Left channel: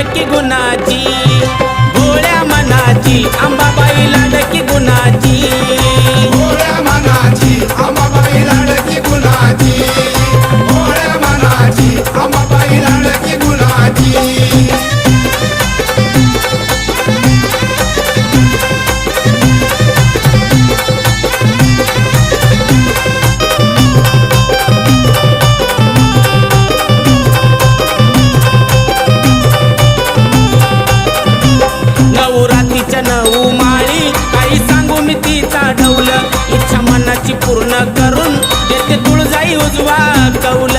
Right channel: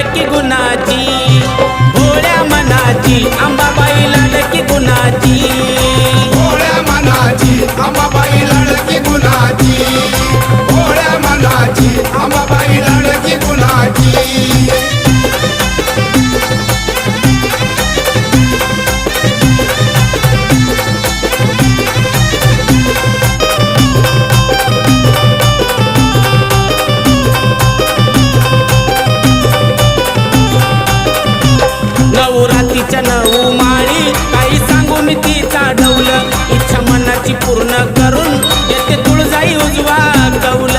लाडकी गुणाची, भोळ्या मनाची अंबाबाई लाडकी गुणाची, भोळ्या मनाची अंबाबाई लाडकी गुणाची, भोळ्या मनाची अंबाबाई लाडकी गुणाची. नवरात्रीच्या 9 माळी काही सांगू मी तिचा डौल, इच्छा मनाची पूर्ण करून देते तुळजाई उजवा कौल.